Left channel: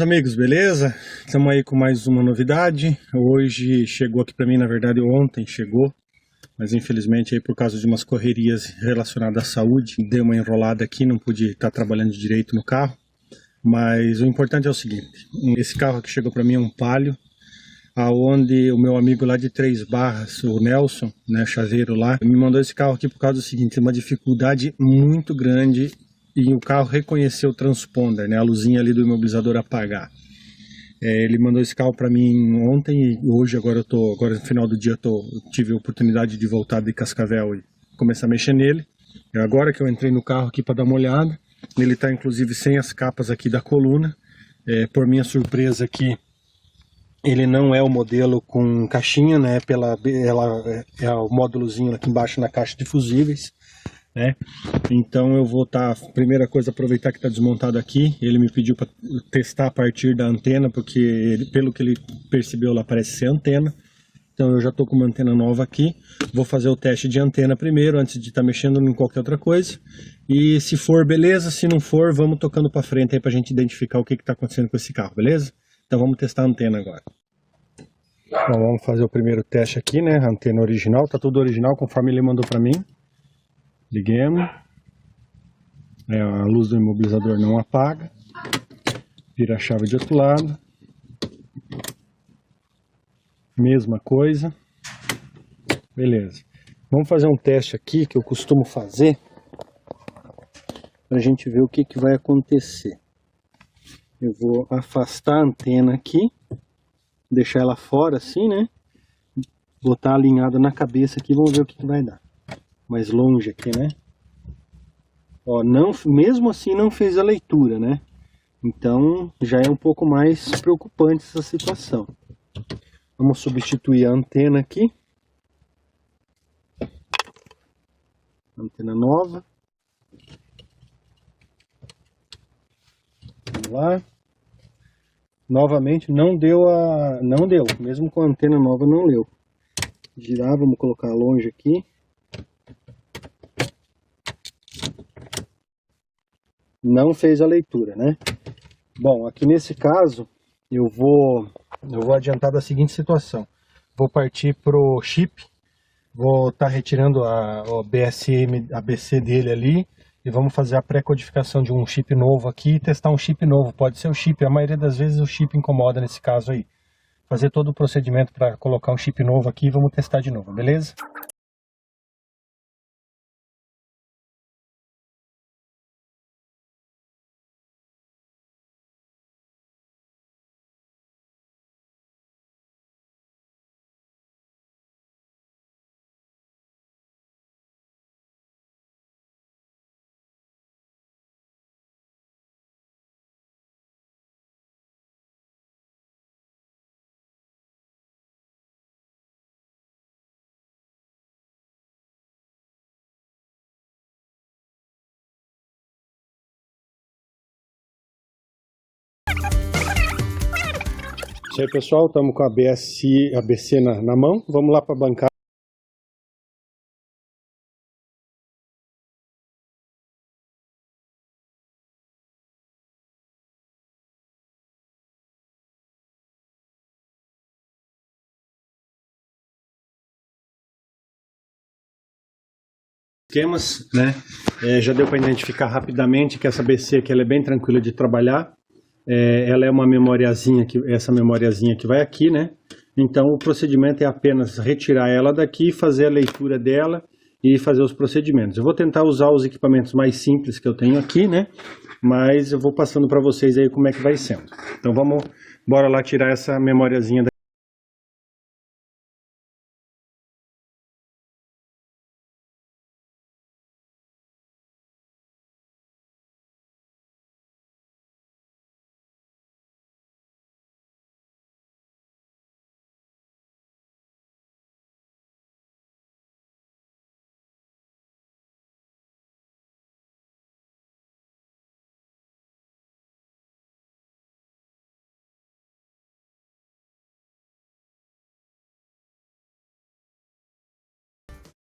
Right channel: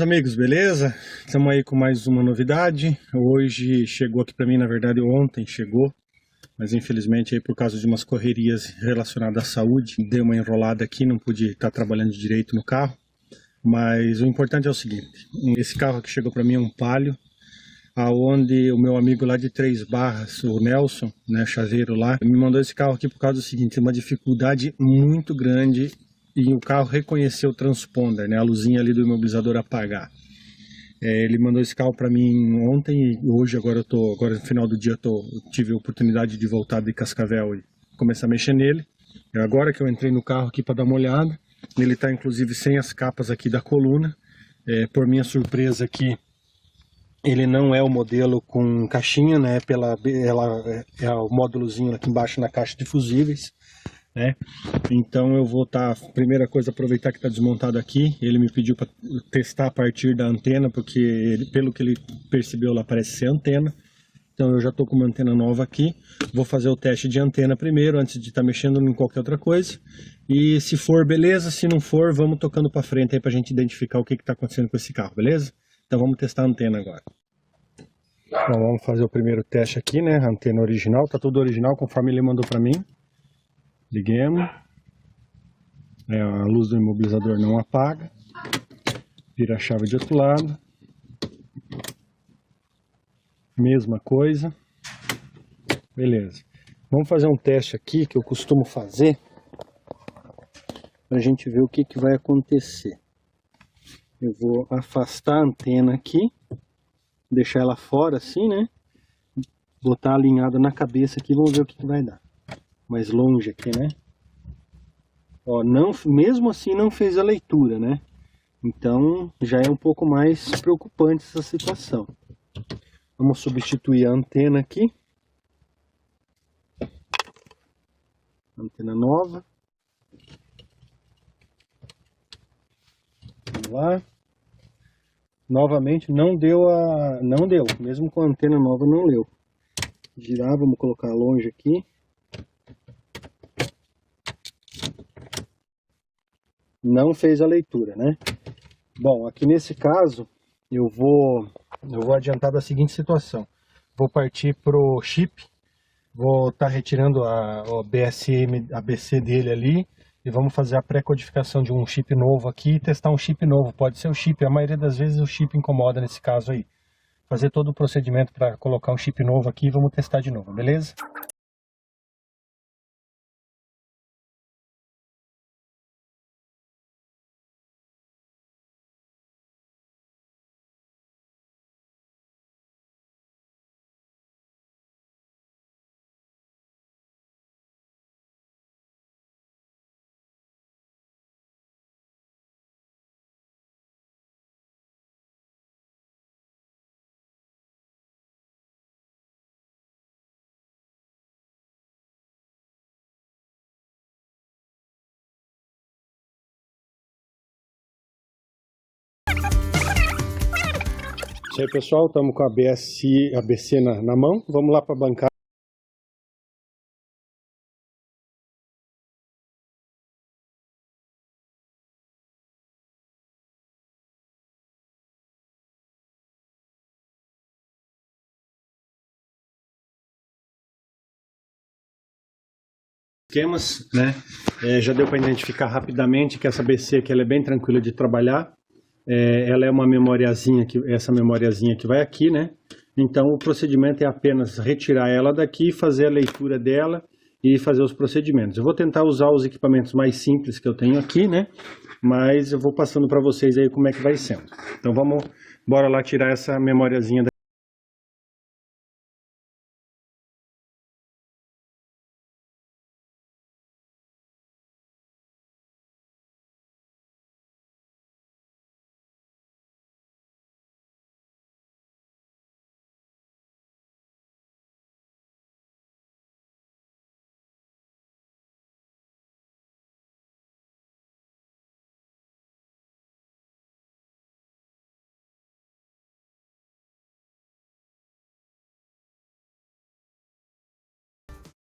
meus amigos, beleza? Estamos aí com mais uma novidade. Hoje chegou aqui para mim, na verdade ontem chegou, mas infelizmente aí por causa de umas correrias relacionadas à saúde, deu uma enrolada aqui, não pude estar trabalhando direito no carro. Mas o importante é o seguinte, esse carro aqui chegou para mim é um Palio, aonde o meu amigo lá de Três Barras, o Nelson, né, chaveiro lá, me mandou esse carro aqui por causa do seguinte, uma dificuldade muito grande e o carro reconheceu o transponder, né, a luzinha ali do imobilizador apagar. Ele mandou esse carro para mim ontem e hoje, agora no final do dia eu tive a oportunidade de voltar de Cascavel e começar a mexer nele. Agora que eu entrei no carro aqui para dar uma olhada, ele está inclusive sem as capas aqui da coluna. Por minha surpresa aqui, ele não é o modelo com caixinha, né? É o módulozinho aqui embaixo na caixa de fusíveis, né? Então eu vou primeira coisa, aproveitar que está desmontado aqui. Ele me pediu para testar a partir da antena, porque pelo que ele percebeu lá parece ser antena. Então eu já estou com uma antena nova aqui. Vou fazer o teste de antena primeiro, antes de estar mexendo em qualquer outra coisa. E se for, beleza. Se não for, vamos tocando para frente aí para a gente identificar o que está acontecendo com esse carro, beleza? Então vamos testar a antena agora. Bom, vamos fazer o primeiro teste aqui, né? A antena original, tá tudo original conforme ele mandou para mim. Liguemos. A luz do imobilizador não apaga. Vira a chave de outro lado. Mesma coisa. Beleza. Vamos fazer um teste aqui que eu costumo fazer para a gente ver o que vai acontecer. Eu vou afastar a antena aqui, deixar ela fora assim, né? Botar alinhada na cabeça aqui, vamos ver o que vai dar. Mais longe aqui, né? Ó, mesmo assim não fez a leitura, né? Então já é um pouco mais preocupante essa situação. Vamos substituir a antena aqui. Antena nova. Vamos lá. Novamente não deu, mesmo com a antena nova não deu. Girar, vamos colocar longe aqui. Não fez a leitura, né? Bom, aqui nesse caso eu vou adiantar da seguinte situação. Vou partir pro chip. Vou estar retirando o BSM, ABC dele ali. E vamos fazer a pré-codificação de um chip novo aqui e testar um chip novo. Pode ser o chip, a maioria das vezes o chip incomoda nesse caso aí. Fazer todo o procedimento para colocar um chip novo aqui e vamos testar de novo, beleza? Isso aí, pessoal, estamos com a ABC na mão. Vamos lá para a bancada. Esquemas, né? Já deu para identificar rapidamente que essa ABC aqui ela é bem tranquila de trabalhar. Ela é uma memoriazinha, essa memoriazinha que vai aqui, né? Então o procedimento é apenas retirar ela daqui, fazer a leitura dela e fazer os procedimentos. Eu vou tentar usar os equipamentos mais simples que eu tenho aqui, né? Mas eu vou passando para vocês aí como é que vai sendo. Então bora lá tirar essa memoriazinha daqui.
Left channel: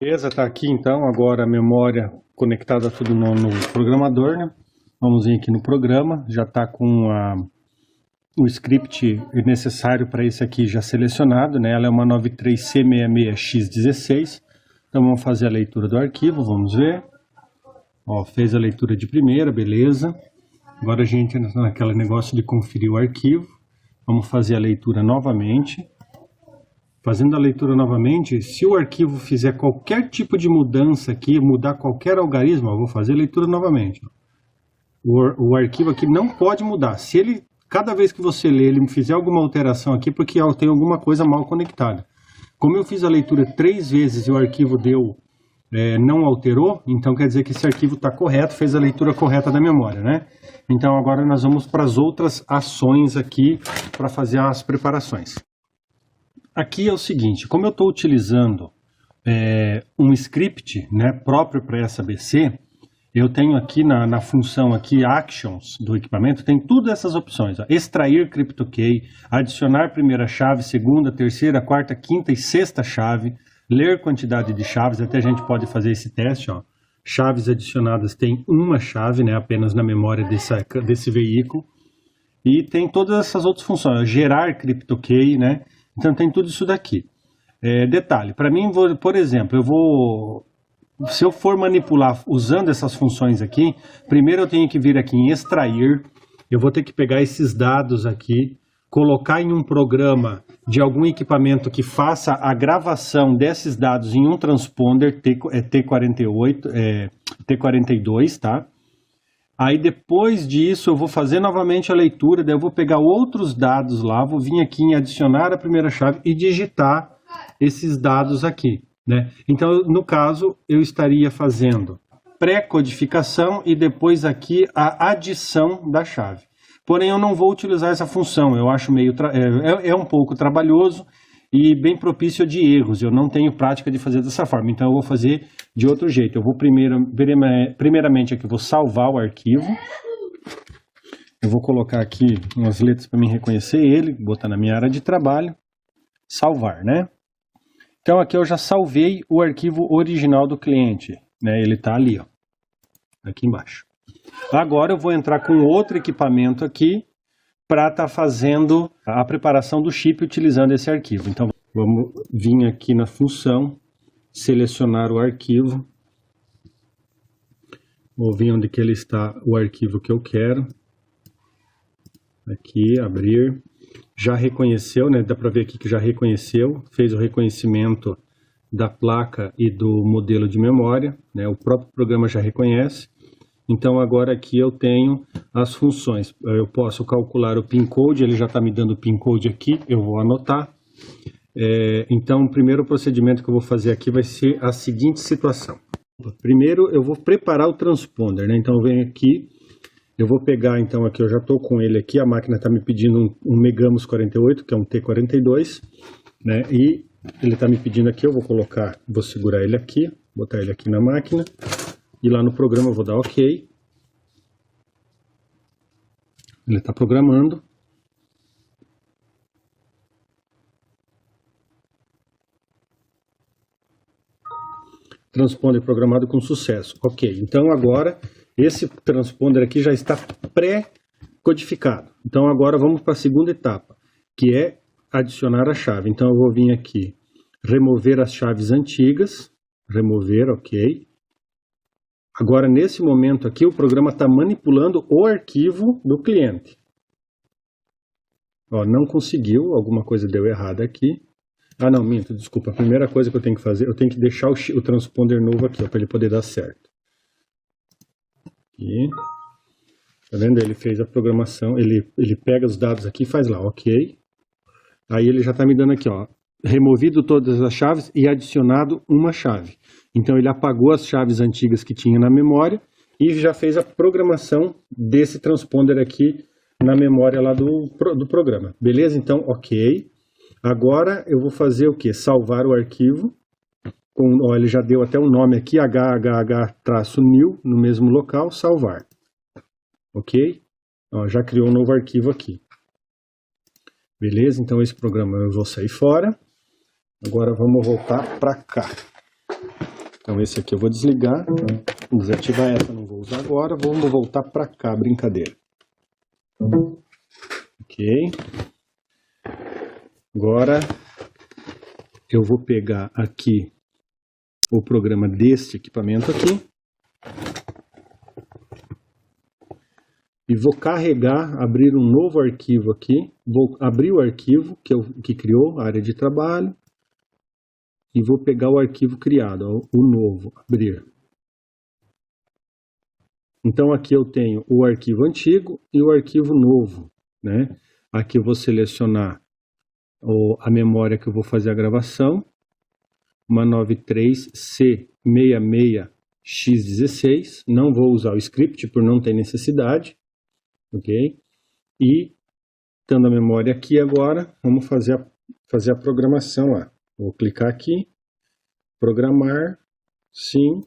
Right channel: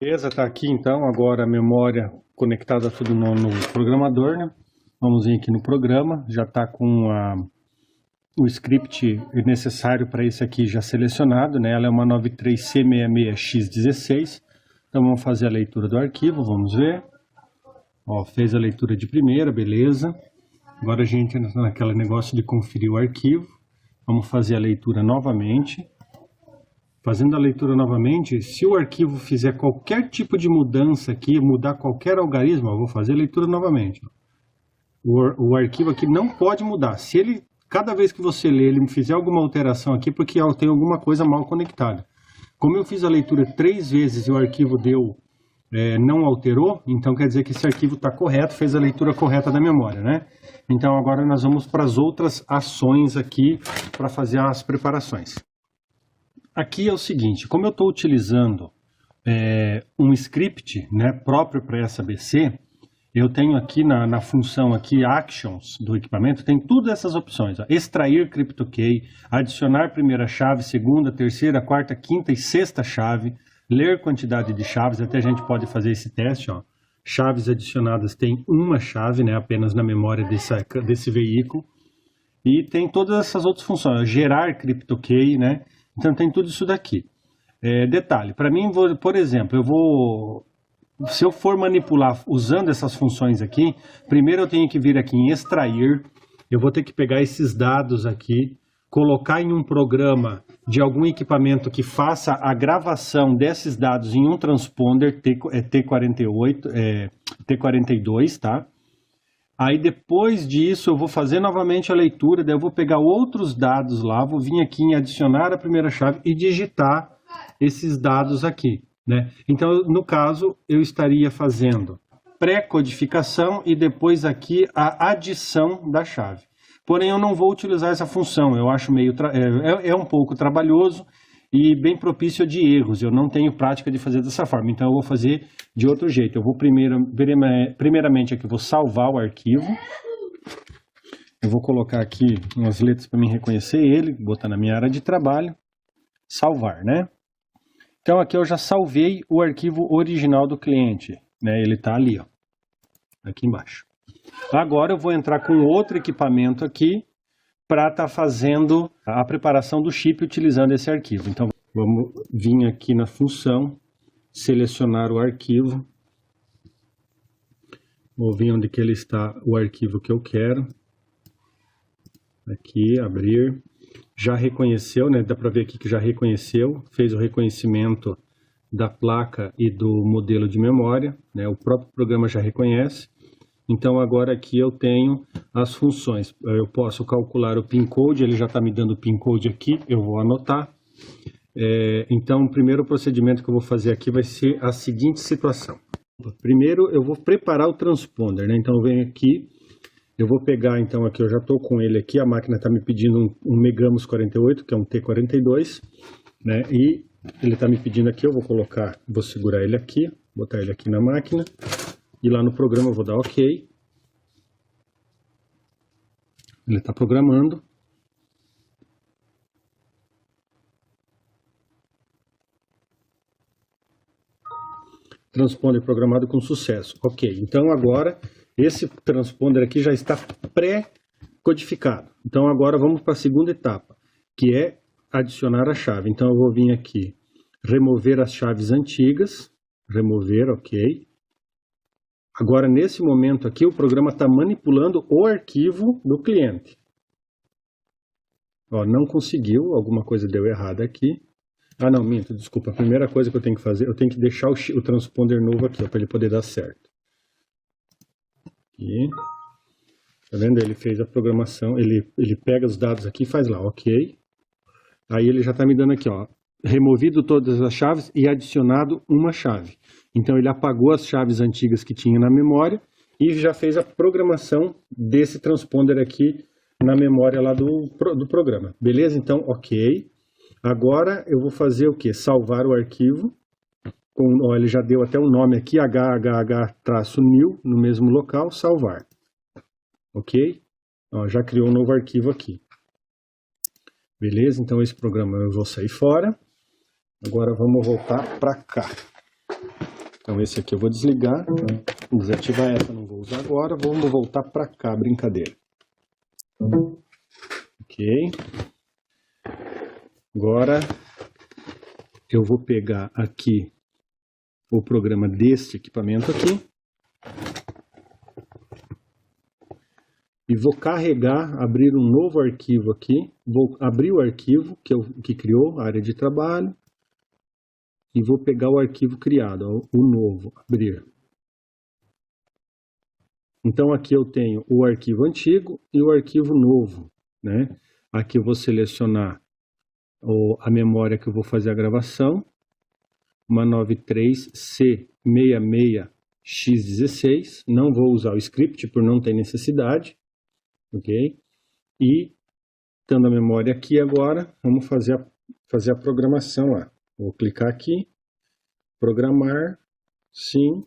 Beleza, tá aqui então agora a memória conectada tudo no programador, né? Vamos vir aqui no programa, já tá com o script necessário para esse aqui já selecionado, né? Ela é uma 93C66X16. Então vamos fazer a leitura do arquivo, vamos ver. Ó, fez a leitura de primeira, beleza. Agora a gente entra naquele negócio de conferir o arquivo. Vamos fazer a leitura novamente. Fazendo a leitura novamente, se o arquivo fizer qualquer tipo de mudança aqui, mudar qualquer algarismo, eu vou fazer a leitura novamente. O arquivo aqui não pode mudar. Se ele, cada vez que você lê, ele fizer alguma alteração aqui, porque tem alguma coisa mal conectada. Como eu fiz a leitura 3 vezes e o arquivo não alterou, então quer dizer que esse arquivo está correto, fez a leitura correta da memória, né? Então agora nós vamos para as outras ações aqui para fazer as preparações. Aqui é o seguinte, como eu estou utilizando um script, né, próprio para essa ABC, eu tenho aqui na função aqui Actions do equipamento, tem todas essas opções. Ó, extrair CryptoKey, adicionar primeira chave, segunda, terceira, quarta, quinta e sexta chave, ler quantidade de chaves, até a gente pode fazer esse teste. Ó. Chaves adicionadas tem uma chave, né, apenas na memória desse veículo. E tem todas essas outras funções, ó, gerar CryptoKey, né? Então tem tudo isso daqui. Detalhe, para mim, por exemplo, se eu for manipular usando essas funções aqui, primeiro eu tenho que vir aqui em extrair, eu vou ter que pegar esses dados aqui, colocar em um programa de algum equipamento que faça a gravação desses dados em um transponder T42, tá? Aí depois disso eu vou fazer novamente a leitura, daí eu vou pegar outros dados lá, vou vir aqui em adicionar a primeira chave e digitar esses dados aqui, né? Então, no caso, eu estaria fazendo pré-codificação e depois aqui a adição da chave. Porém, eu não vou utilizar essa função, eu acho um pouco trabalhoso e bem propício de erros. Eu não tenho prática de fazer dessa forma, então eu vou fazer de outro jeito. Eu vou primeiramente aqui, vou salvar o arquivo. Eu vou colocar aqui umas letras para mim reconhecer ele, botar na minha área de trabalho, salvar, né? Então aqui eu já salvei o arquivo original do cliente, né? Ele está ali, ó, aqui embaixo. Agora eu vou entrar com outro equipamento aqui para estar fazendo a preparação do chip utilizando esse arquivo. Então vamos vir aqui na função, selecionar o arquivo. Vou vir onde que ele está, o arquivo que eu quero. Aqui, abrir. Já reconheceu, né? Dá para ver aqui que já reconheceu, fez o reconhecimento da placa e do modelo de memória, né? O próprio programa já reconhece. Então agora aqui eu tenho as funções. Eu posso calcular o PIN code, ele já está me dando o PIN code aqui, eu vou anotar. Então o primeiro procedimento que eu vou fazer aqui vai ser a seguinte situação. Primeiro eu vou preparar o transponder, né? Então eu venho aqui, eu vou pegar, então aqui eu já estou com ele aqui, a máquina está me pedindo um Megamos 48, que é um T42, né? E ele está me pedindo aqui, eu vou segurar ele aqui, botar ele aqui na máquina. E lá no programa eu vou dar OK. Ele está programando. Transponder programado com sucesso. Ok, então agora esse transponder aqui já está pré-codificado. Então agora vamos para a segunda etapa, que é adicionar a chave. Então eu vou vir aqui, remover as chaves antigas, remover, ok. Agora, nesse momento aqui, o programa está manipulando o arquivo do cliente. Ó, não conseguiu, alguma coisa deu errado aqui. Ah, não, minto, desculpa. A primeira coisa que eu tenho que fazer, eu tenho que deixar o transponder novo aqui, para ele poder dar certo. Aqui. Tá vendo? Ele fez a programação, ele pega os dados aqui e faz lá, ok. Aí ele já está me dando aqui, ó, removido todas as chaves e adicionado uma chave. Então ele apagou as chaves antigas que tinha na memória e já fez a programação desse transponder aqui na memória lá do programa. Beleza? Então, ok. Agora eu vou fazer o que? Salvar o arquivo. Ó, ele já deu até um nome aqui, HHH-new, no mesmo local, salvar. Ok? Ó, já criou um novo arquivo aqui. Beleza? Então esse programa eu vou sair fora. Agora vamos voltar para cá. Então esse aqui eu vou desligar, desativar essa, não vou usar agora, vamos voltar para cá, brincadeira. Ok, Ok. Agora eu vou pegar aqui o programa deste equipamento aqui e vou carregar, abrir um novo arquivo aqui. Vou abrir o arquivo que criou a área de trabalho e vou pegar o arquivo criado, ó, o novo, abrir. Então aqui eu tenho o arquivo antigo e o arquivo novo, né? Aqui eu vou selecionar a memória que eu vou fazer a gravação, uma 93C66X16, não vou usar o script por não ter necessidade, ok? E, estando a memória aqui agora, vamos fazer a programação lá. Vou clicar aqui, programar, sim,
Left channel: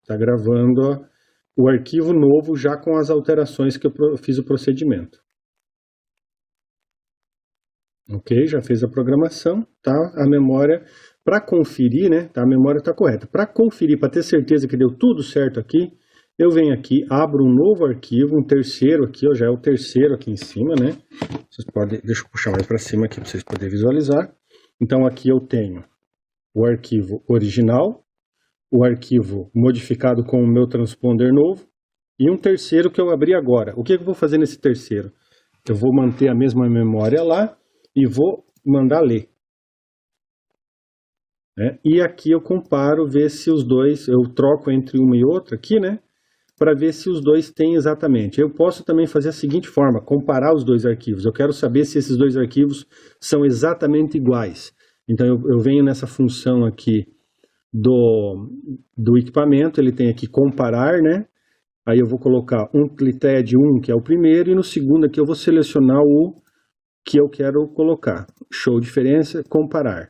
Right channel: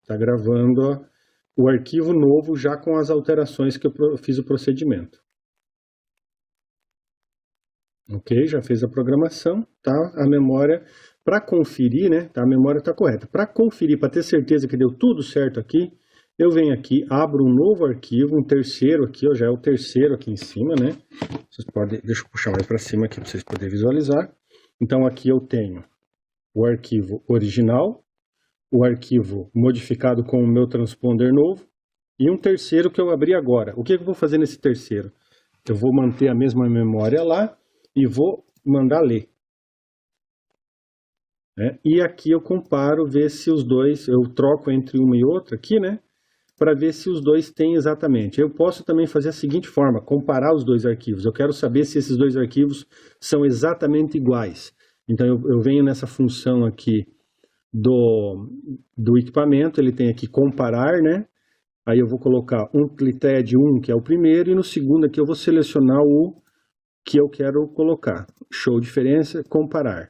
está gravando ó, o arquivo novo já com as alterações que eu fiz o procedimento. Ok, já fez a programação, tá? A memória, para conferir, né? Tá? A memória está correta. Para conferir, para ter certeza que deu tudo certo aqui, eu venho aqui, abro um novo arquivo, um terceiro aqui, ó, já é o terceiro aqui em cima, né? Vocês podem, deixa eu puxar mais para cima aqui para vocês poderem visualizar. Então aqui eu tenho o arquivo original, o arquivo modificado com o meu transponder novo e um terceiro que eu abri agora. O que eu vou fazer nesse terceiro? Eu vou manter a mesma memória lá e vou mandar ler. Né? E aqui eu comparo, ver se os dois, eu troco entre uma e outra aqui, né? Para ver se os dois têm exatamente. Eu posso também fazer a seguinte forma, comparar os dois arquivos. Eu quero saber se esses dois arquivos são exatamente iguais. Então eu venho nessa função aqui do equipamento, ele tem aqui comparar, né? Aí eu vou colocar um clited 1, que é o primeiro, e no segundo aqui eu vou selecionar o que eu quero colocar. Show diferença, comparar.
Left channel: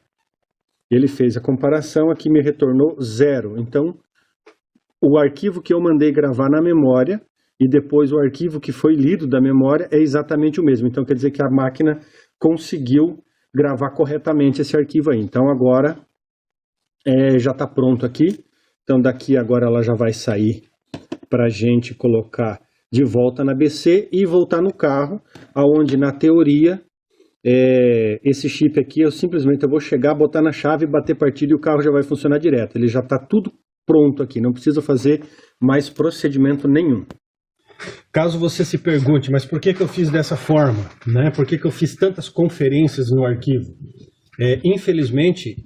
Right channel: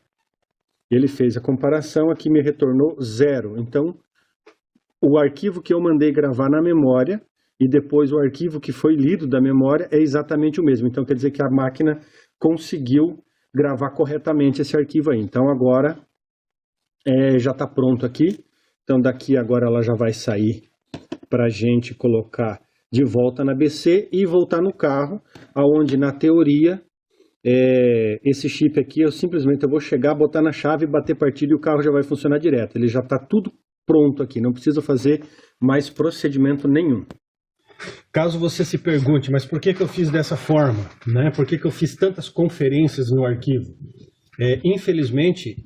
Ele fez a comparação, aqui me retornou 0. Então, o arquivo que eu mandei gravar na memória e depois o arquivo que foi lido da memória é exatamente o mesmo. Então, quer dizer que a máquina conseguiu gravar corretamente esse arquivo aí. Então, agora já está pronto aqui. Então, daqui agora ela já vai sair para a gente colocar de volta na BC e voltar no carro, aonde na teoria esse chip aqui eu simplesmente vou chegar, botar na chave, bater partida e o carro já vai funcionar direto. Ele já está tudo pronto aqui, não precisa fazer mais procedimento nenhum. Caso você se pergunte, mas por que eu fiz dessa forma? Né? Por que eu fiz tantas conferências no arquivo? Infelizmente,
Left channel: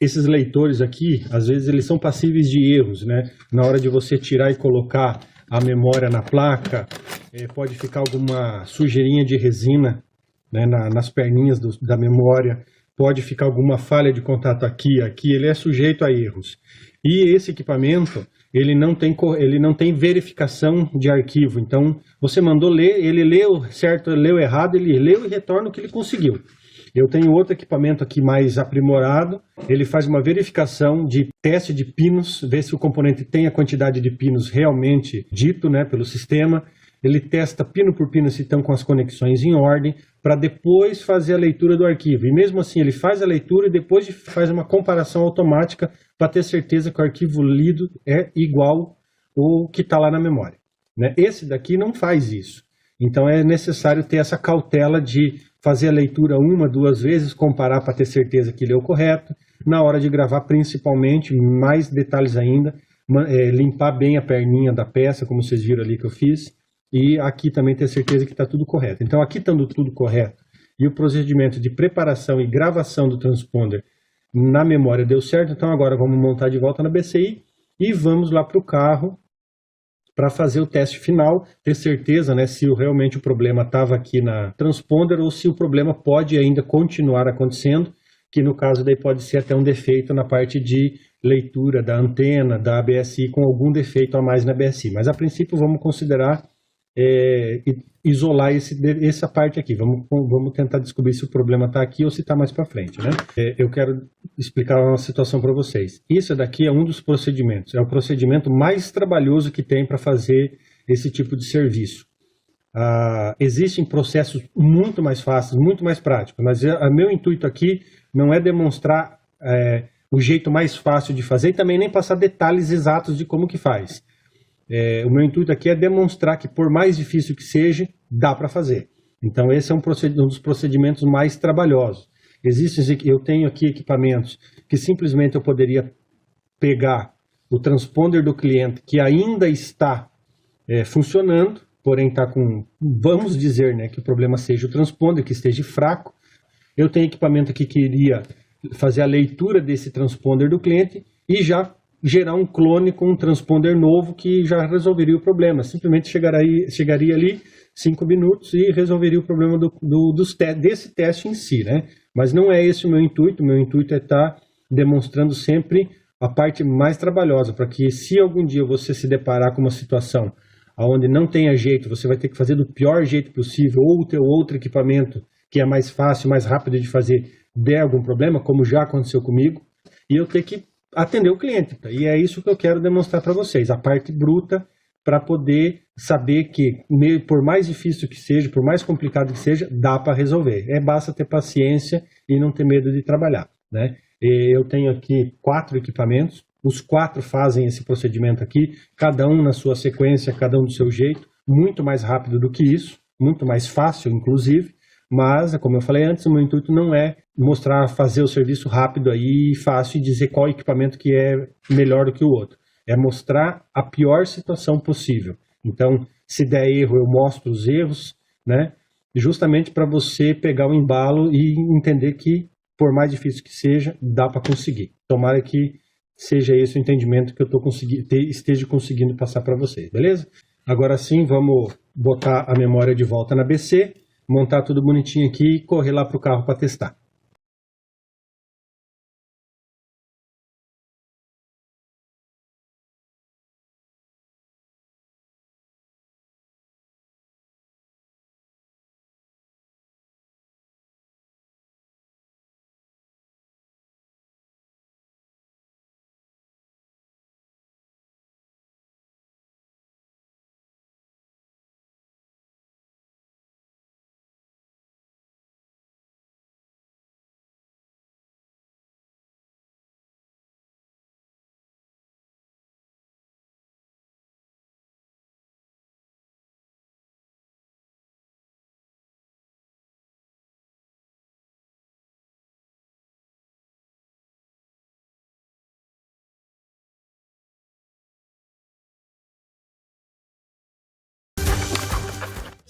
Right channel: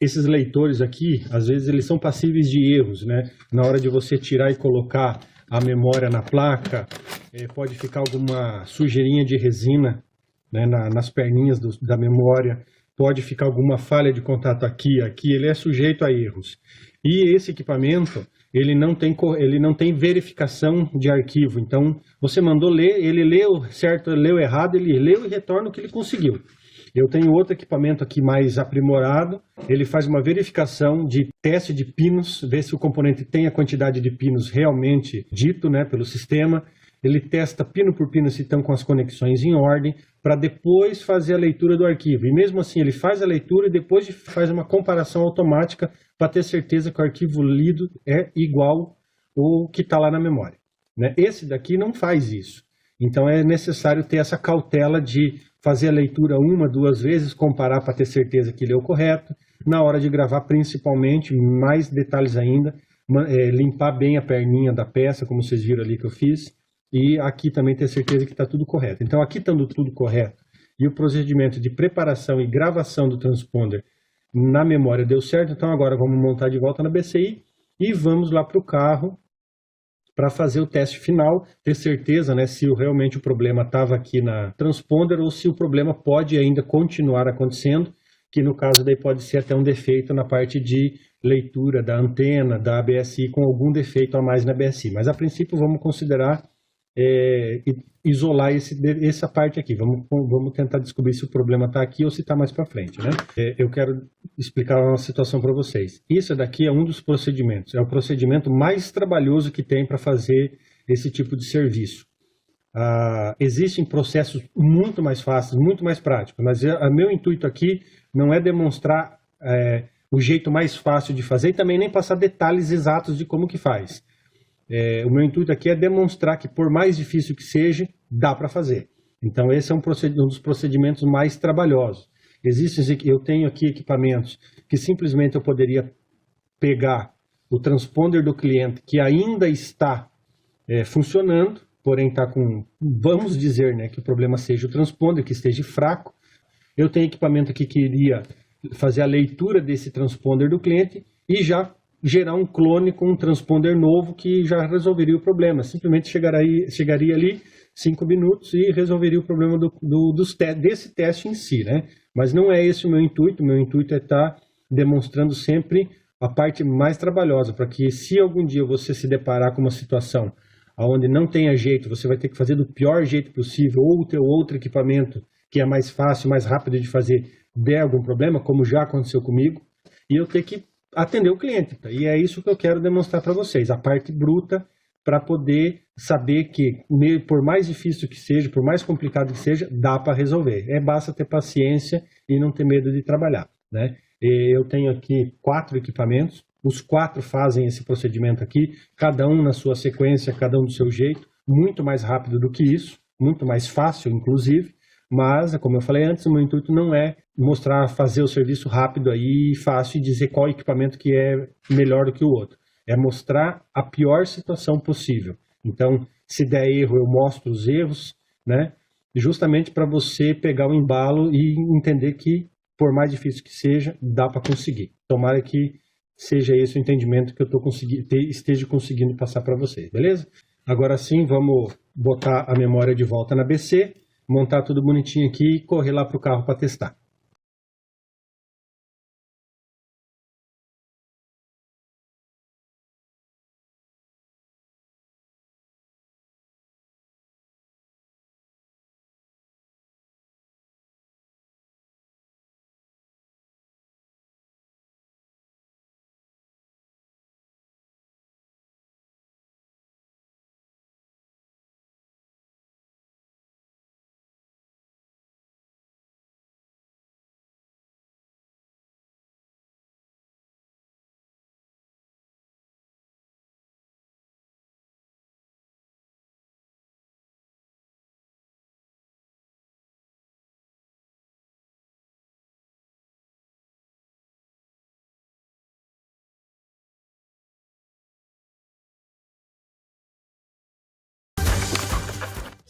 esses leitores aqui, às vezes eles são passíveis de erros, né? Na hora de você tirar e colocar a memória na placa, pode ficar alguma sujeirinha de resina, né, nas perninhas da memória, pode ficar alguma falha de contato aqui, ele é sujeito a erros. E esse equipamento, ele não tem verificação de arquivo, então você mandou ler, ele leu certo, leu errado, ele leu e retorna o que ele conseguiu. Eu tenho outro equipamento aqui mais aprimorado, ele faz uma verificação de teste de pinos, vê se o componente tem a quantidade de pinos realmente dito, né, pelo sistema. Ele testa pino por pino se estão com as conexões em ordem, para depois fazer a leitura do arquivo. E mesmo assim ele faz a leitura e depois faz uma comparação automática para ter certeza que o arquivo lido é igual ao que está lá na memória. Né? Esse daqui não faz isso. Então é necessário ter essa cautela de fazer a leitura uma, duas vezes, comparar para ter certeza que leu correto. Na hora de gravar, principalmente, mais detalhes ainda, limpar bem a perninha da peça, como vocês viram ali que eu fiz. E aqui também ter certeza que está tudo correto. Então aqui estando tudo correto e o procedimento de preparação e gravação do transponder na memória deu certo, então agora vamos montar de volta na BCI e vamos lá para o carro para fazer o teste final, ter certeza, né, se realmente o problema estava aqui na transponder ou se o problema pode ainda continuar acontecendo, que no caso daí pode ser até um defeito na parte de leitura da antena, da ABSI, com algum defeito a mais na ABSI. Mas a princípio vamos considerar isolar essa parte aqui. Vamos tentar descobrir se o problema está aqui ou se está mais para frente. Né? Eu quero explicar uma situação para vocês. Isso daqui é um dos procedimentos. É o procedimento mais trabalhoso que tem para fazer esse tipo de serviço. Existem processos muito mais fáceis, muito mais práticos, mas o meu intuito aqui não é demonstrar o jeito mais fácil de fazer e também nem passar detalhes exatos de como que faz. o meu intuito aqui é demonstrar que, por mais difícil que seja, dá para fazer. Então, esse é um dos procedimentos mais trabalhosos. Eu tenho aqui equipamentos que simplesmente eu poderia pegar o transponder do cliente que ainda está funcionando, porém está com, vamos dizer, né, que o problema seja o transponder, que esteja fraco. Eu tenho equipamento aqui que iria fazer a leitura desse transponder do cliente e já gerar um clone com um transponder novo que já resolveria o problema. Simplesmente chegaria ali 5 minutos e resolveria o problema desse teste em si, né? Mas não é esse o meu intuito. O meu intuito é estar demonstrando sempre a parte mais trabalhosa, para que se algum dia você se deparar com uma situação onde não tenha jeito, você vai ter que fazer do pior jeito possível, ou ter outro equipamento que é mais fácil, mais rápido de fazer, der algum problema, como já aconteceu comigo, e eu ter que atender o cliente. E é isso que eu quero demonstrar para vocês, a parte bruta, para poder saber que, por mais difícil que seja, por mais complicado que seja, dá para resolver. Basta ter paciência e não ter medo de trabalhar, né? Eu tenho aqui 4 equipamentos, os 4 fazem esse procedimento aqui, cada um na sua sequência, cada um do seu jeito, muito mais rápido do que isso, muito mais fácil, inclusive, mas, como eu falei antes, o meu intuito não é mostrar, fazer o serviço rápido aí, fácil, e dizer qual equipamento que é melhor do que o outro. É mostrar a pior situação possível. Então, se der erro, eu mostro os erros, né? Justamente para você pegar o embalo e entender que, por mais difícil que seja, dá para conseguir. Tomara que seja esse o entendimento que eu esteja conseguindo passar para vocês, beleza? Agora sim, vamos botar a memória de volta na BC, montar tudo bonitinho aqui e correr lá para o carro para testar.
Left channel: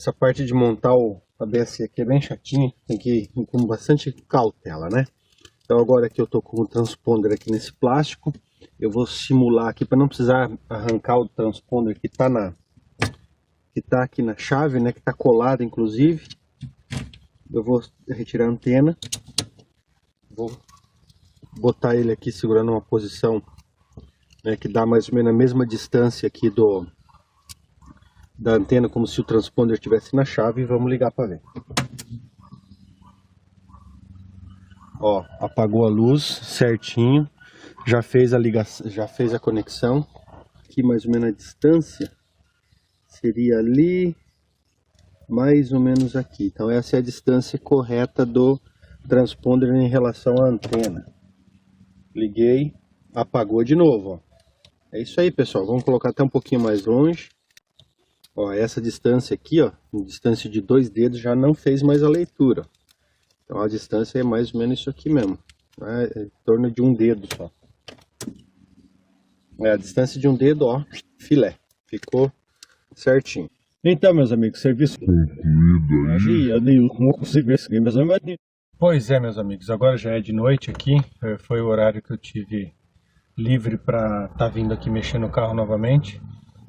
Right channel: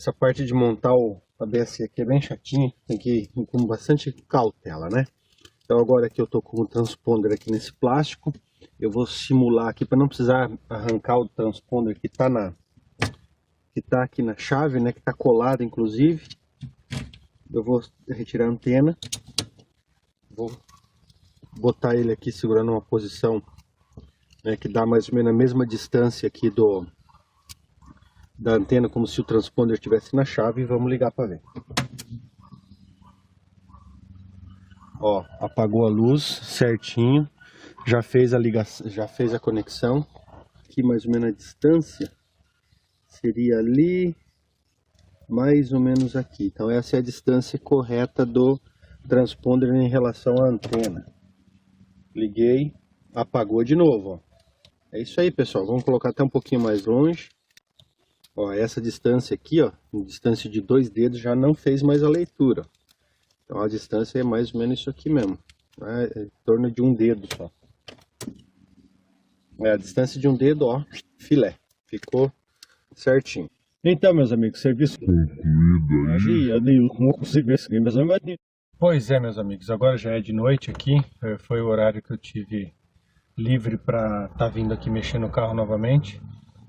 Essa parte de montar o ABS aqui é bem chatinha, tem que ir com bastante cautela, né? Então agora que eu tô com o transponder aqui nesse plástico, eu vou simular aqui para não precisar arrancar o transponder que tá aqui na chave, né? Que tá colado inclusive. Eu vou retirar a antena, vou botar ele aqui segurando uma posição, né, que dá mais ou menos a mesma distância aqui da antena, como se o transponder estivesse na chave, e vamos ligar para ver. Ó, apagou a luz certinho, já fez a ligação, já fez a conexão. Aqui mais ou menos a distância seria ali, mais ou menos aqui. Então essa é a distância correta do transponder em relação à antena. Liguei, apagou de novo, ó. É isso aí, pessoal. Vamos colocar até um pouquinho mais longe. Ó, essa distância aqui, ó, distância de 2 dedos, já não fez mais a leitura. Então a distância é mais ou menos isso aqui mesmo, né? É em torno de 1 dedo só. É a distância de 1 dedo, ó, filé. Ficou certinho. Então, meus amigos, serviço concluído aí. Pois é, meus amigos, agora já é de noite aqui. Foi o horário que eu tive livre para estar vindo aqui mexer no carro novamente.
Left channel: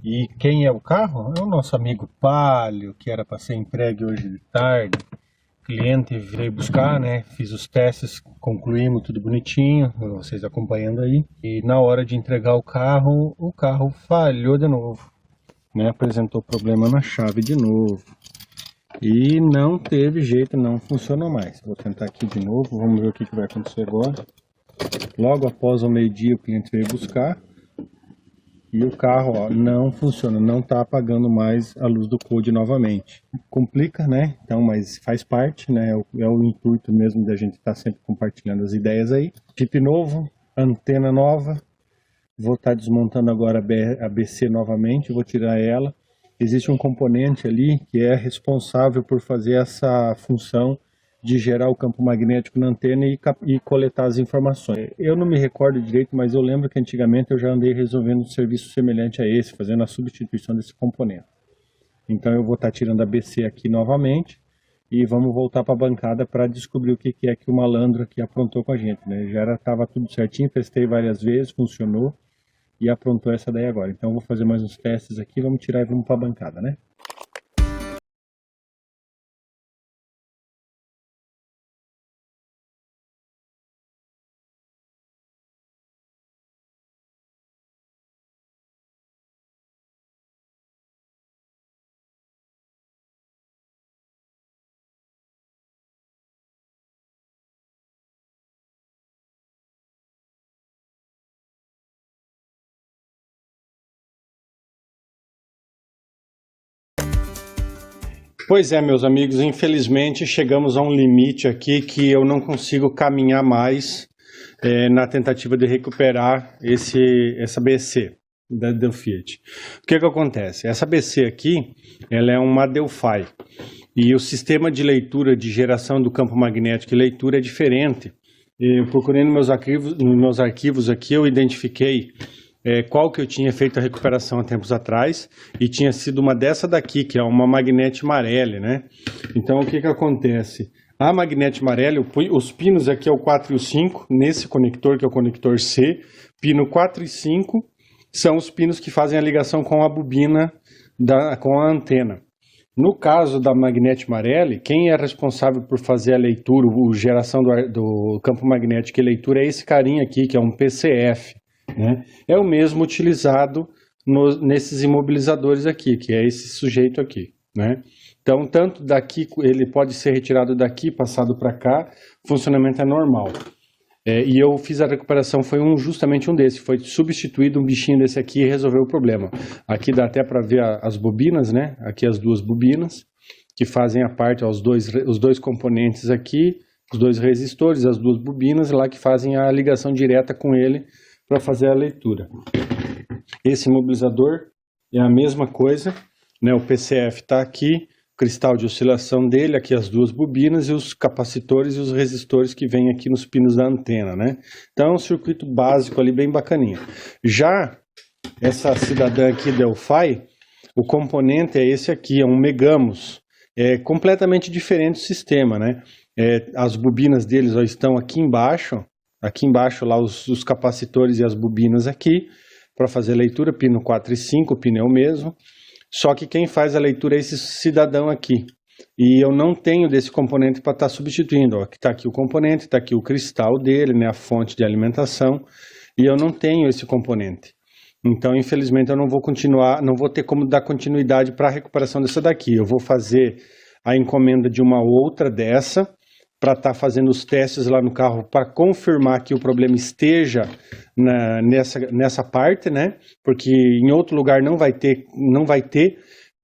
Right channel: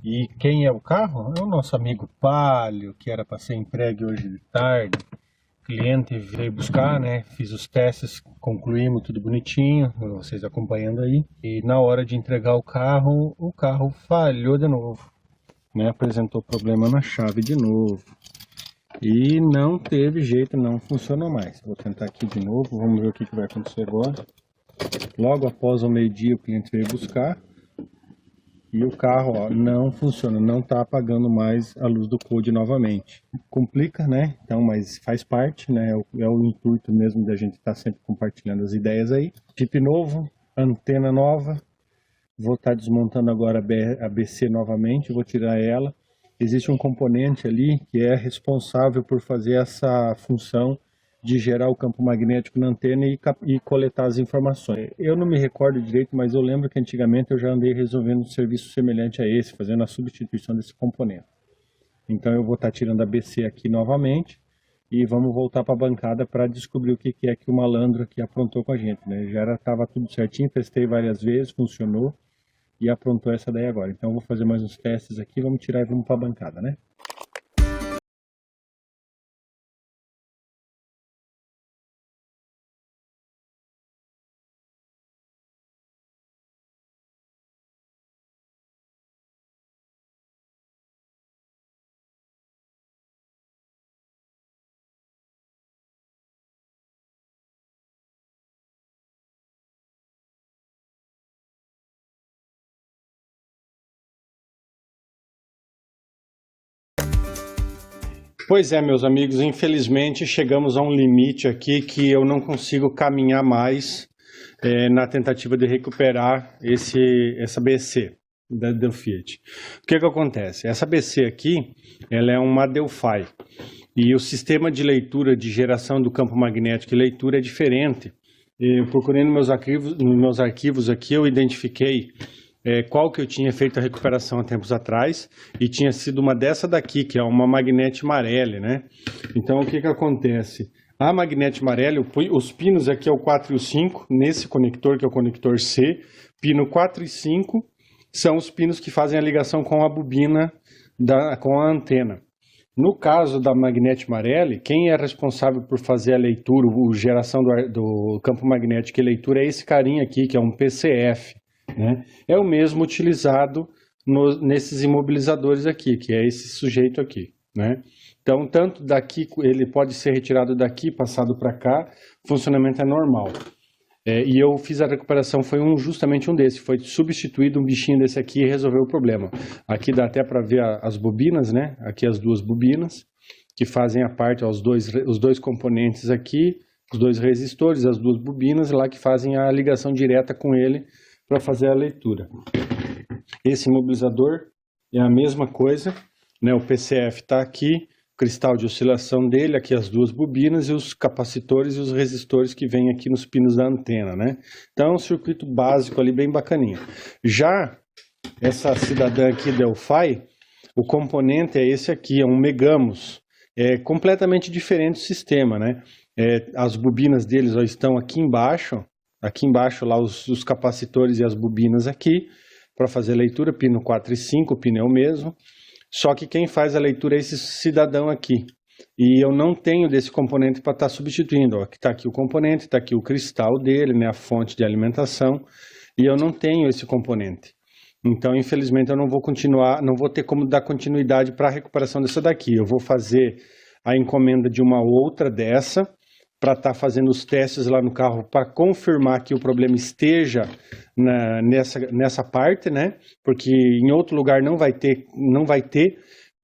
E quem é o carro? É o nosso amigo Palio, que era para ser entregue hoje de tarde. O cliente veio buscar, né? Fiz os testes, concluímos tudo bonitinho, vocês acompanhando aí. E na hora de entregar o carro falhou de novo, né? Apresentou problema na chave de novo. E não teve jeito, não funcionou mais. Vou tentar aqui de novo, vamos ver o que vai acontecer agora. Logo após o meio-dia o cliente veio buscar. E o carro, ó, não funciona, não está apagando mais a luz do code novamente. Complica, né? Então, mas faz parte, né? É o intuito mesmo da gente estar sempre compartilhando as ideias aí. Chip novo, antena nova, Vou estar desmontando agora a BC novamente, vou tirar ela. Existe um componente ali que é responsável por fazer essa função de gerar o campo magnético na antena e coletar as informações. Eu não me recordo direito, mas eu lembro que antigamente eu já andei resolvendo um serviço semelhante a esse, fazendo a substituição desse componente. Então eu vou estar tirando a BC aqui novamente e vamos voltar para a bancada para descobrir o que é que o malandro aqui aprontou com a gente, né? Já estava tudo certinho, testei várias vezes, funcionou e aprontou essa daí agora. Então eu vou fazer mais uns testes aqui, vamos tirar e vamos para a bancada, né? Pois é, meus amigos, infelizmente chegamos a um limite aqui que eu não consigo caminhar mais na tentativa de recuperar essa BC da Delphi. O que acontece? Essa BC aqui, ela é uma Delphi e o sistema de leitura de geração do campo magnético e leitura é diferente. Eu procurei nos meus arquivos aqui, eu identifiquei qual que eu tinha feito a recuperação há tempos atrás e tinha sido uma dessa daqui, que é uma Magnete Marelli, né? Então o que acontece? A Magnete Marelli, os pinos aqui é o 4 e o 5, nesse conector que é o conector C, pino 4 e 5 são os pinos que fazem a ligação com a bobina, com a antena. No caso da Magnete Marelli, quem é responsável por fazer a leitura, a geração do campo magnético e leitura é esse carinha aqui, que é um PCF. Né? É o mesmo utilizado nesses imobilizadores aqui, que é esse sujeito aqui. Né? Então, tanto daqui, ele pode ser retirado daqui, passado para cá, o funcionamento é normal. E eu fiz a recuperação, foi justamente um desse, foi substituído um bichinho desse aqui e resolveu o problema. Aqui dá até para ver as bobinas, né? Aqui as duas bobinas, que fazem a parte, os dois componentes aqui, os dois resistores, as duas bobinas lá que fazem a ligação direta com ele para fazer a leitura. Esse imobilizador é a mesma coisa, né? O PCF está aqui, o cristal de oscilação dele, aqui as duas bobinas e os capacitores e os resistores que vêm aqui nos pinos da antena, né? Então é um circuito básico ali bem bacaninha. Já essa cidadã aqui Delphi, o componente é esse aqui, é um Megamos. É completamente diferente o sistema, né? As bobinas deles ó, estão aqui embaixo lá os capacitores e as bobinas aqui, para fazer a leitura, pino 4 e 5, o pino é o mesmo, só que quem faz a leitura é esse cidadão aqui, e eu não tenho desse componente para estar substituindo, ó, está aqui o componente, está aqui o cristal dele, né, a fonte de alimentação, e eu não tenho esse componente. Então, infelizmente, eu não vou continuar, não vou ter como dar continuidade para a recuperação dessa daqui. Eu vou fazer a encomenda de uma outra dessa, para estar fazendo os testes lá no carro para confirmar que o problema esteja nessa parte, né? Porque em outro lugar não vai ter,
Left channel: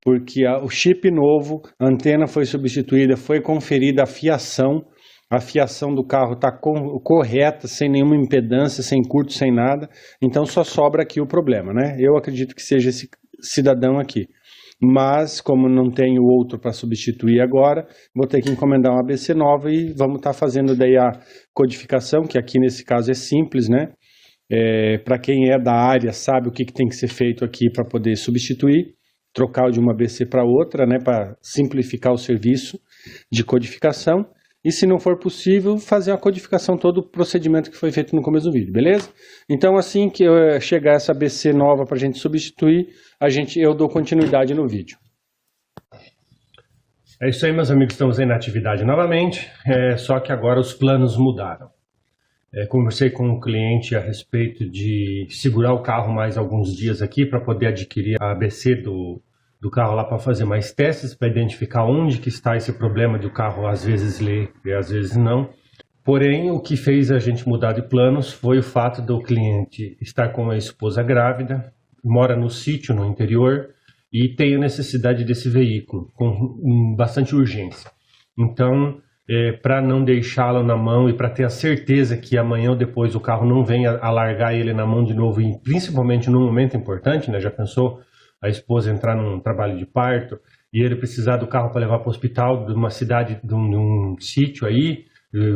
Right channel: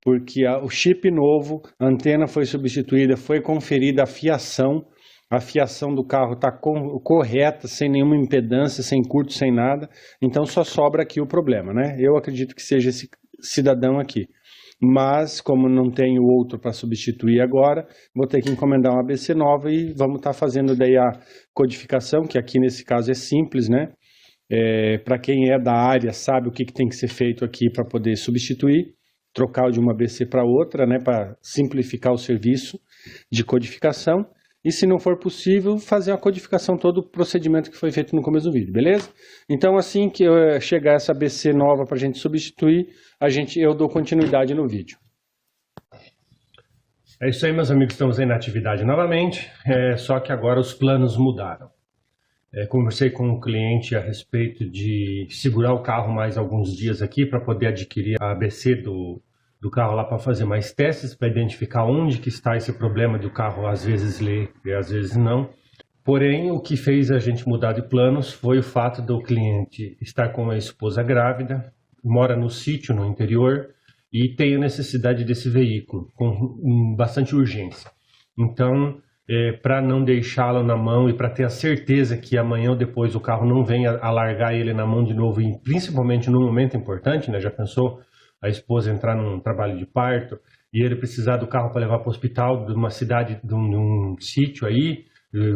porque o chip novo, a antena foi substituída, foi conferida a fiação do carro está correta, sem nenhuma impedância, sem curto, sem nada. Então só sobra aqui o problema, né? Eu acredito que seja esse cidadão aqui. Mas, como não tenho outro para substituir agora, vou ter que encomendar uma ABC nova e vamos estar fazendo daí a codificação, que aqui nesse caso é simples, né? Para quem é da área sabe o que tem que ser feito aqui para poder substituir, trocar de uma ABC para outra, né? Para simplificar o serviço de codificação. E se não for possível, fazer a codificação, todo o procedimento que foi feito no começo do vídeo, beleza? Então assim que chegar essa ABC nova para a gente substituir, eu dou continuidade no vídeo. É isso aí, meus amigos, estamos aí na atividade novamente, só que agora os planos mudaram. Conversei com o cliente a respeito de segurar o carro mais alguns dias aqui para poder adquirir a ABC do carro lá para fazer mais testes, para identificar onde que está esse problema de o carro às vezes ler e às vezes não. Porém, o que fez a gente mudar de planos foi o fato do cliente estar com a esposa grávida, mora no sítio, no interior, e tem a necessidade desse veículo, com bastante urgência. Então, para não deixá-lo na mão e para ter a certeza que amanhã ou depois o carro não venha a largar ele na mão de novo, e principalmente num momento importante, né? Já pensou a esposa entrar num trabalho de parto e ele precisar do carro para levar para o hospital de uma cidade, de um sítio aí,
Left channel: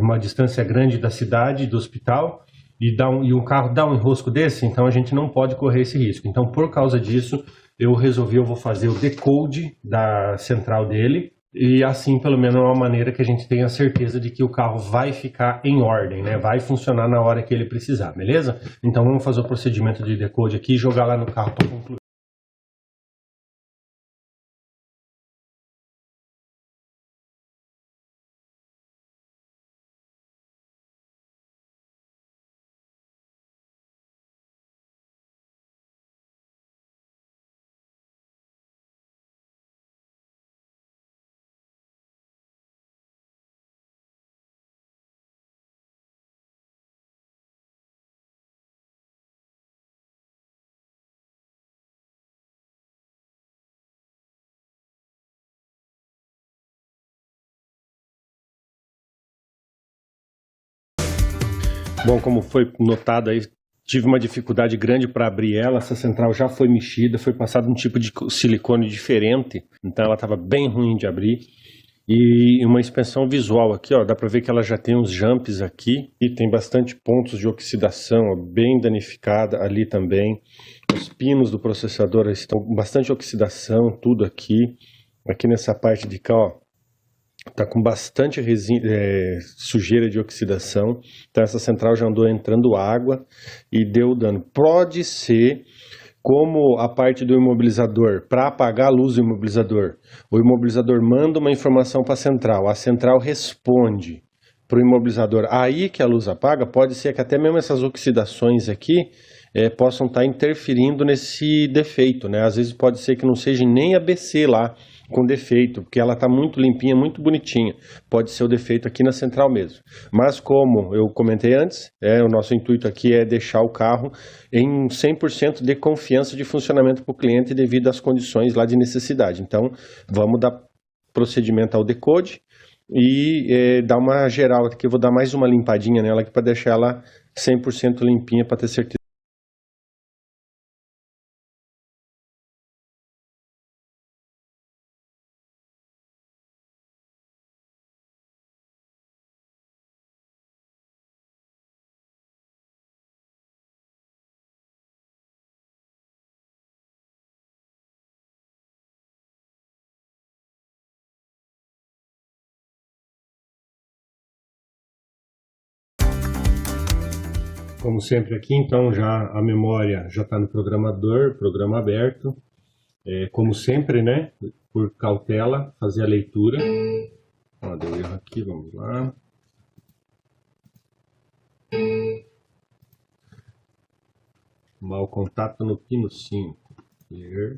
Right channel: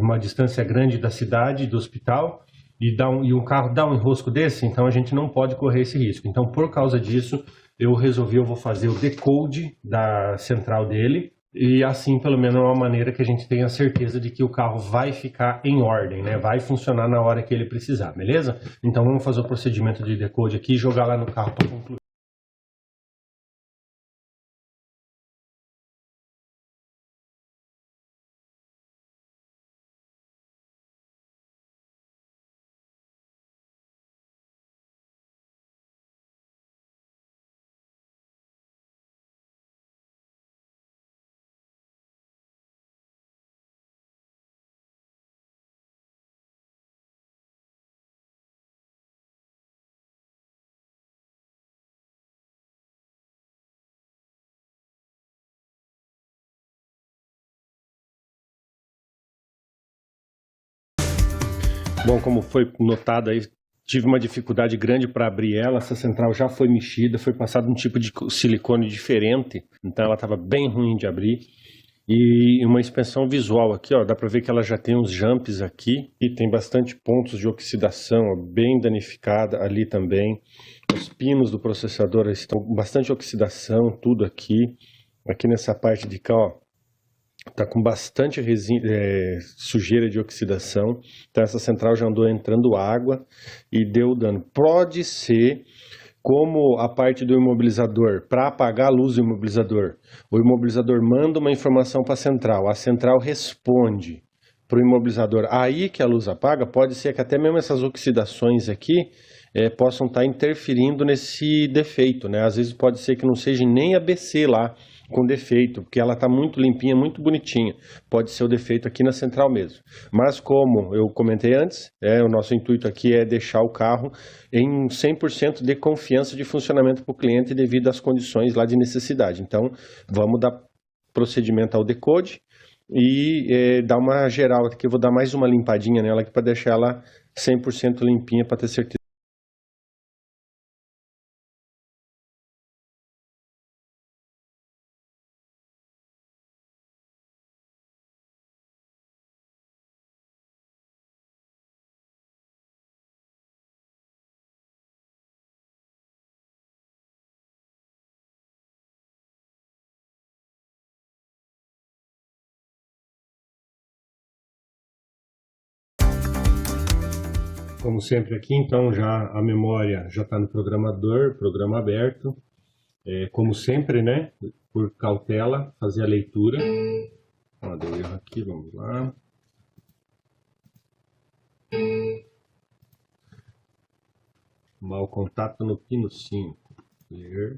uma distância grande da cidade, do hospital, e o carro dá um enrosco desse, então a gente não pode correr esse risco. Então, por causa disso, eu vou fazer o decode da central dele, e assim, pelo menos, é uma maneira que a gente tenha certeza de que o carro vai ficar em ordem, né? Vai funcionar na hora que ele precisar, beleza? Então vamos fazer o procedimento de decode aqui e jogar lá no carro para concluir. Bom, como foi notado aí, tive uma dificuldade grande para abrir ela. Essa central já foi mexida, foi passado um tipo de silicone diferente, então ela estava bem ruim de abrir. E uma inspeção visual aqui, ó, dá para ver que ela já tem uns jumps aqui e tem bastante pontos de oxidação, ó, bem danificada ali também. Os pinos do processador estão com bastante oxidação, tudo aqui. Aqui nessa parte de cá, ó, tá com bastante sujeira de oxidação. Então essa central já andou entrando água e deu dano. Pode ser como a parte do imobilizador, para apagar a luz do imobilizador, o imobilizador manda uma informação para a central responde para o imobilizador, aí que a luz apaga. Pode ser que até mesmo essas oxidações aqui possam estar interferindo nesse defeito, né? Às vezes pode ser que não seja nem a BC lá com defeito, porque ela está muito limpinha, muito bonitinha. Pode ser o defeito aqui na central mesmo. Mas como eu comentei antes, o nosso intuito aqui é deixar o carro em 100% de confiança de funcionamento para o cliente devido às condições lá de necessidade. Então, vamos dar procedimento ao decode e dar uma geral aqui. Eu vou dar mais uma limpadinha nela aqui para deixar ela 100% limpinha para ter certeza. Como sempre aqui, então já a memória já está no programador, programa aberto. Como sempre, né? Por cautela, fazer a leitura. Ó, deu erro aqui, vamos lá. Mau contato no pino 5. Clear.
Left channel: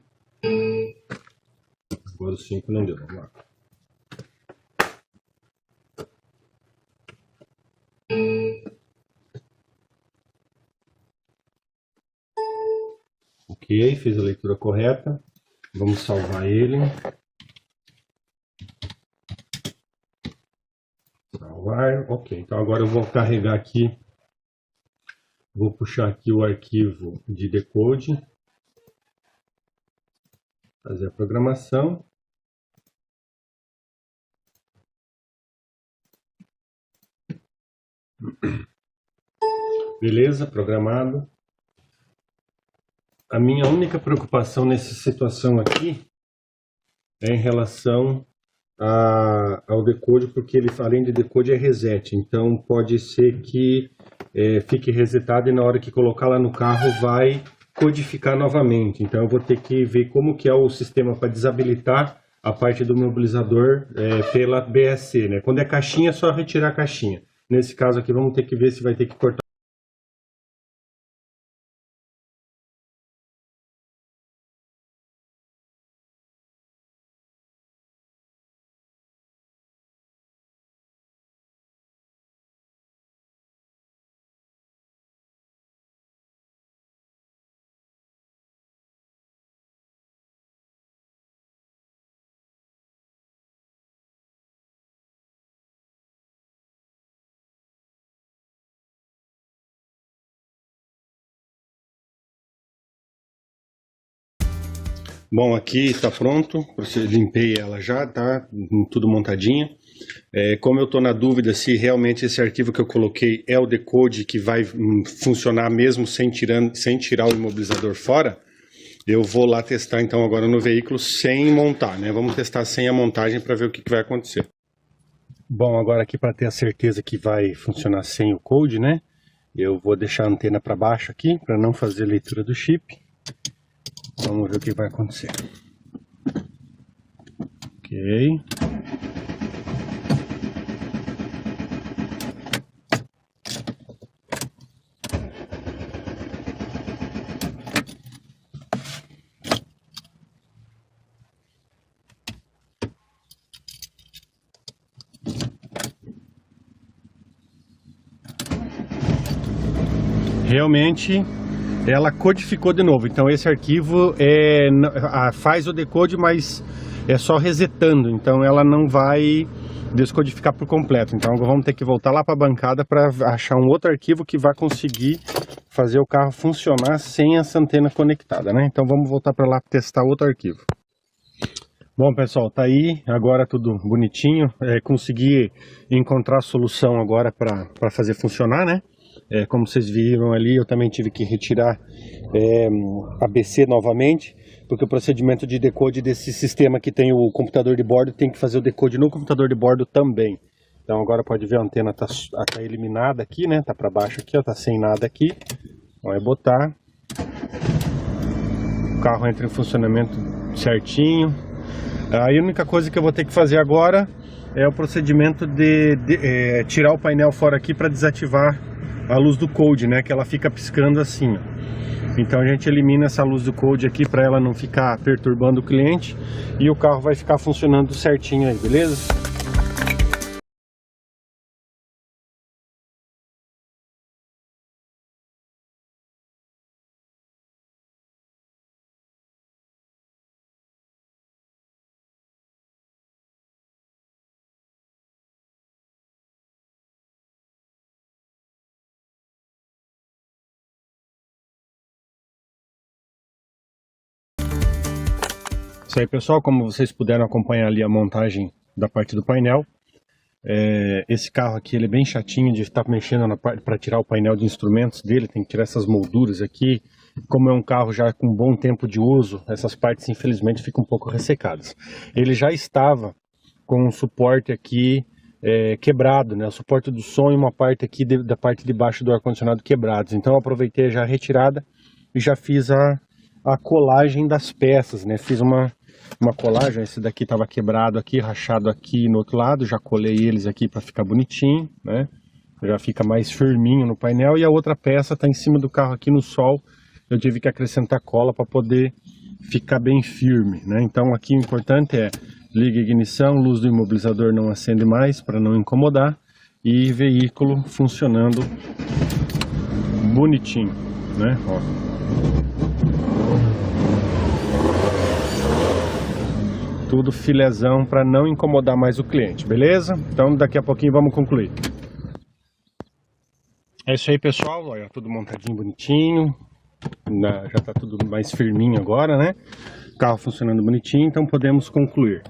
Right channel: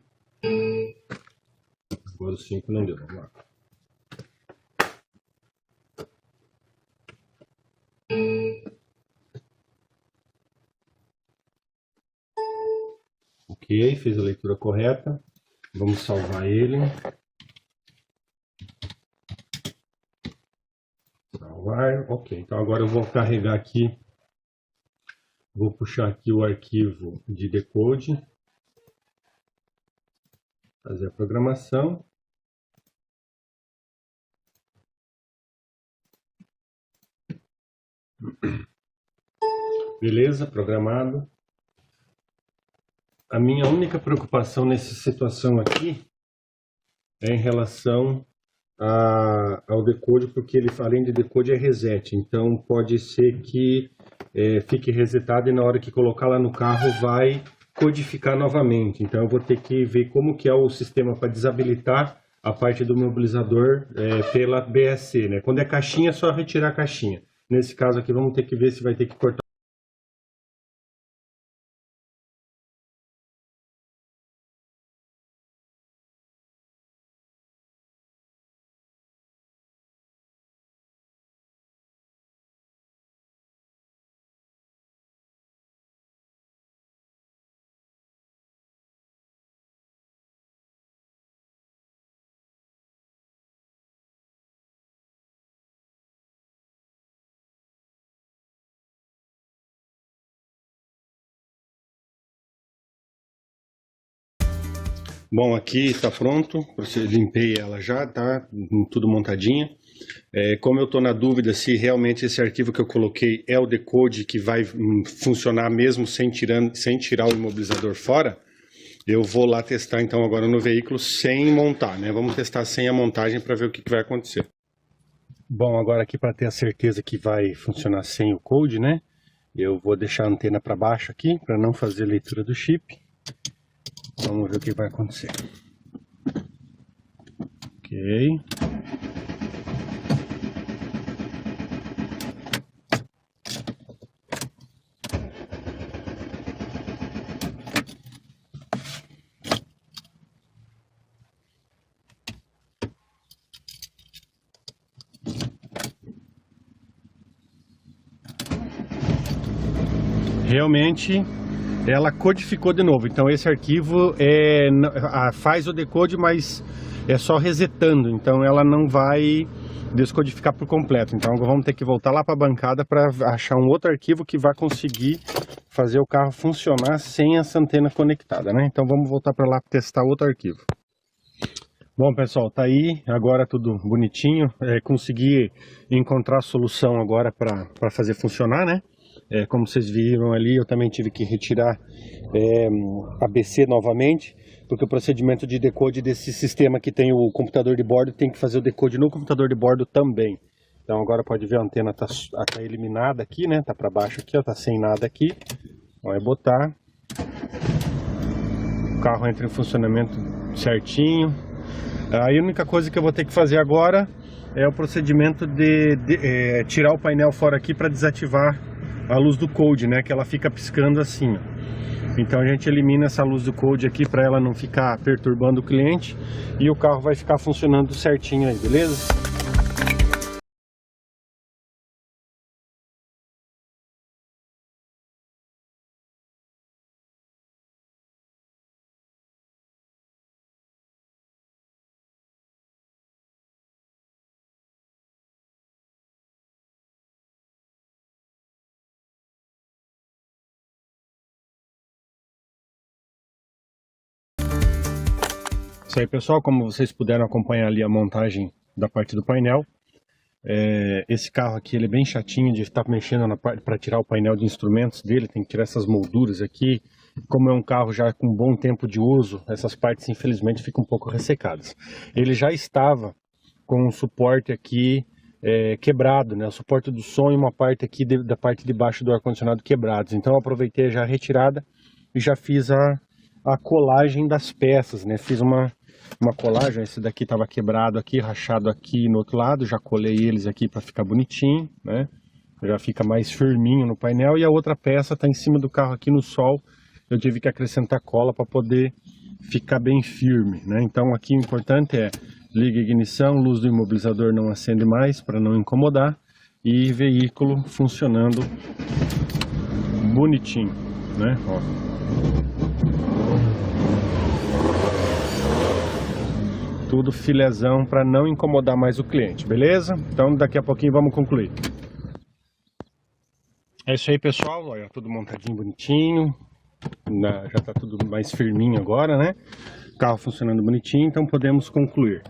Agora o 5 não deu, vamos lá. Ok, fez a leitura correta. Vamos salvar ele. Salvar, ok. Então agora eu vou carregar aqui, vou puxar aqui o arquivo de decode, fazer a programação. Beleza, programado. A minha única preocupação nessa situação aqui é em relação ao decode, porque ele, além de decode, é reset. Então pode ser que fique resetado e na hora que colocar lá no carro vai codificar novamente. Então eu vou ter que ver como que é o sistema para desabilitar a parte do mobilizador pela BSC, né? Quando é caixinha, é só retirar a caixinha. Nesse caso aqui, vamos ter que ver se vai ter que cortar Bom, aqui está pronto, limpei ela já, tá tudo montadinha. Como eu estou na dúvida se realmente esse arquivo que eu coloquei é o decode que vai funcionar mesmo sem tirar o imobilizador fora, eu vou lá testar então agora no veículo sem montar, né? Vamos testar sem a montagem para ver o que vai acontecer. Bom, agora aqui para ter a certeza que vai funcionar sem o code, né? Eu vou deixar a antena para baixo aqui para não fazer leitura do chip. Vamos ver o que vai acontecer. Ok. Realmente ela codificou de novo, então esse arquivo faz o decode, mas é só resetando, então ela não vai descodificar por completo. Então vamos ter que voltar lá para a bancada para achar um outro arquivo que vai conseguir fazer o carro funcionar sem essa antena conectada, né? Então vamos voltar para lá testar outro arquivo. Bom, pessoal, tá aí agora tudo bonitinho. Consegui encontrar a solução agora para fazer funcionar, né? Como vocês viram ali, eu também tive que retirar a BC novamente, porque o procedimento de decode desse sistema que tem o computador de bordo tem que fazer o decode no computador de bordo também. Então agora pode ver a antena tá eliminada aqui, né? Tá para baixo aqui, ó, tá sem nada aqui. Então é botar, o carro entra em funcionamento certinho. Aí a única coisa que eu vou ter que fazer agora é o procedimento de tirar o painel fora aqui para desativar a luz do code, né? Que ela fica piscando assim, ó. Então a gente elimina essa luz do code aqui para ela não ficar perturbando o cliente e o carro vai ficar funcionando certinho aí, beleza? Isso aí, pessoal, como vocês puderam acompanhar ali a montagem da parte do painel, esse carro aqui ele é bem chatinho de estar mexendo na parte para tirar o painel de instrumentos dele, tem que tirar essas molduras aqui. Como é um carro já com bom tempo de uso, essas partes infelizmente ficam um pouco ressecadas. Ele já estava com um suporte aqui quebrado, né? O suporte do som e uma parte aqui da parte de baixo do ar-condicionado quebrados. Então eu aproveitei já a retirada e já fiz a colagem das peças, né? Fiz uma colagem, esse daqui estava quebrado aqui, rachado aqui no outro lado, já colei eles aqui para ficar bonitinho, né? Já fica mais firminho no painel, e a outra peça está em cima do carro aqui no sol, eu tive que acrescentar cola para poder ficar bem firme, né? Então aqui o importante é liga a ignição, luz do imobilizador não acende mais para não incomodar, e veículo funcionando bonitinho, né? Ó. Tudo filezão para não incomodar mais o cliente, beleza? Então daqui a pouquinho vamos concluir. É isso aí, pessoal, olha, tudo montadinho bonitinho, já está tudo mais firminho agora, né? O carro funcionando bonitinho, então podemos concluir.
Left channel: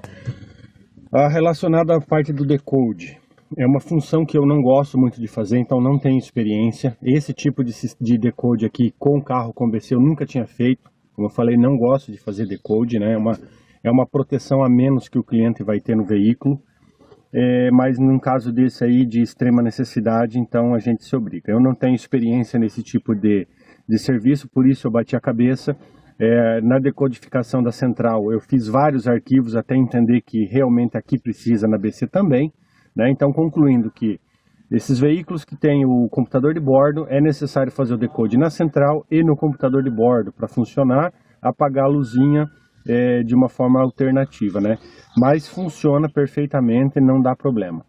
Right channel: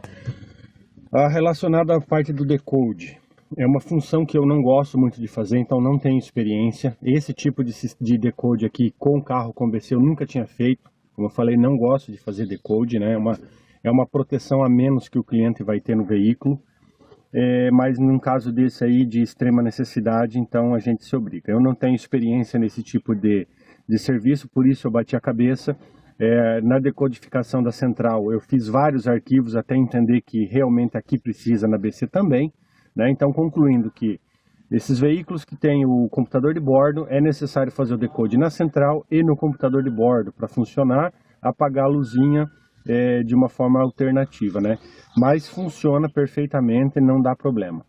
Relacionado à parte do decode, é uma função que eu não gosto muito de fazer, então não tenho experiência. Esse tipo de decode aqui com carro com BC eu nunca tinha feito. Como eu falei, não gosto de fazer decode, né? É uma proteção a menos que o cliente vai ter no veículo, mas num caso desse aí de extrema necessidade, então a gente se obriga. Eu não tenho experiência nesse tipo de serviço, por isso eu bati a cabeça. Na decodificação da central eu fiz vários arquivos até entender que realmente aqui precisa na BC também, né? Então concluindo que esses veículos que têm o computador de bordo é necessário fazer o decode na central e no computador de bordo para funcionar, apagar a luzinha de uma forma alternativa, né? Mas funciona perfeitamente, não dá problema.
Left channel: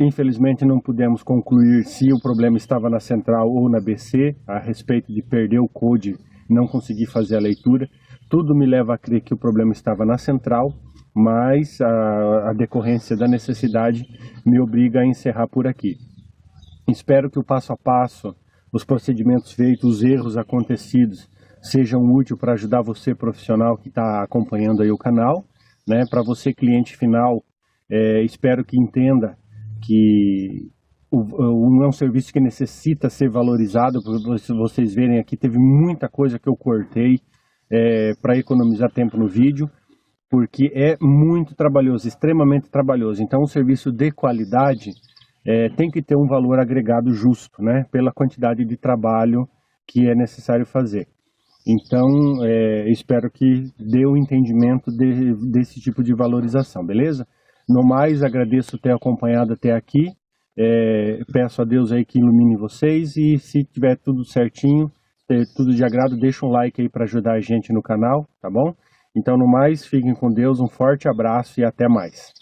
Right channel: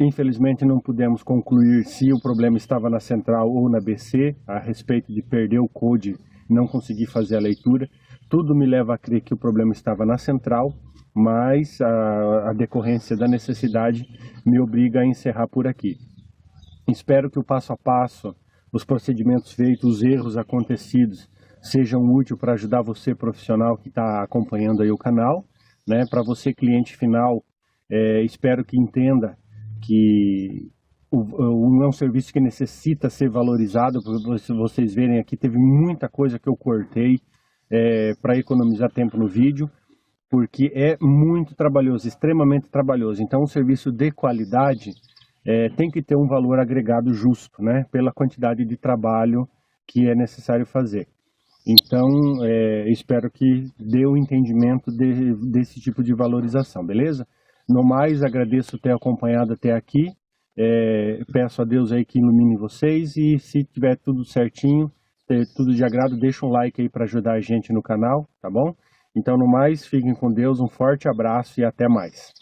Infelizmente não pudemos concluir se o problema estava na central ou na BC, a respeito de perder o code, não conseguir fazer a leitura. Tudo me leva a crer que o problema estava na central, mas a decorrência da necessidade me obriga a encerrar por aqui. Espero que o passo a passo, os procedimentos feitos, os erros acontecidos, sejam úteis para ajudar você profissional que está acompanhando aí o canal, né? Para você cliente final, espero que entenda que não é um serviço que necessita ser valorizado. Se vocês verem aqui, teve muita coisa que eu cortei para economizar tempo no vídeo, porque é muito trabalhoso, extremamente trabalhoso. Então, um serviço de qualidade tem que ter um valor agregado justo, né? Pela quantidade de trabalho que é necessário fazer. Então, espero que dê o entendimento desse tipo de valorização, beleza? No mais, agradeço ter acompanhado até aqui. Peço a Deus aí que ilumine vocês e se tiver tudo certinho, tudo de agrado, deixa um like aí para ajudar a gente no canal, tá bom? Então, no mais, fiquem com Deus, um forte abraço e até mais.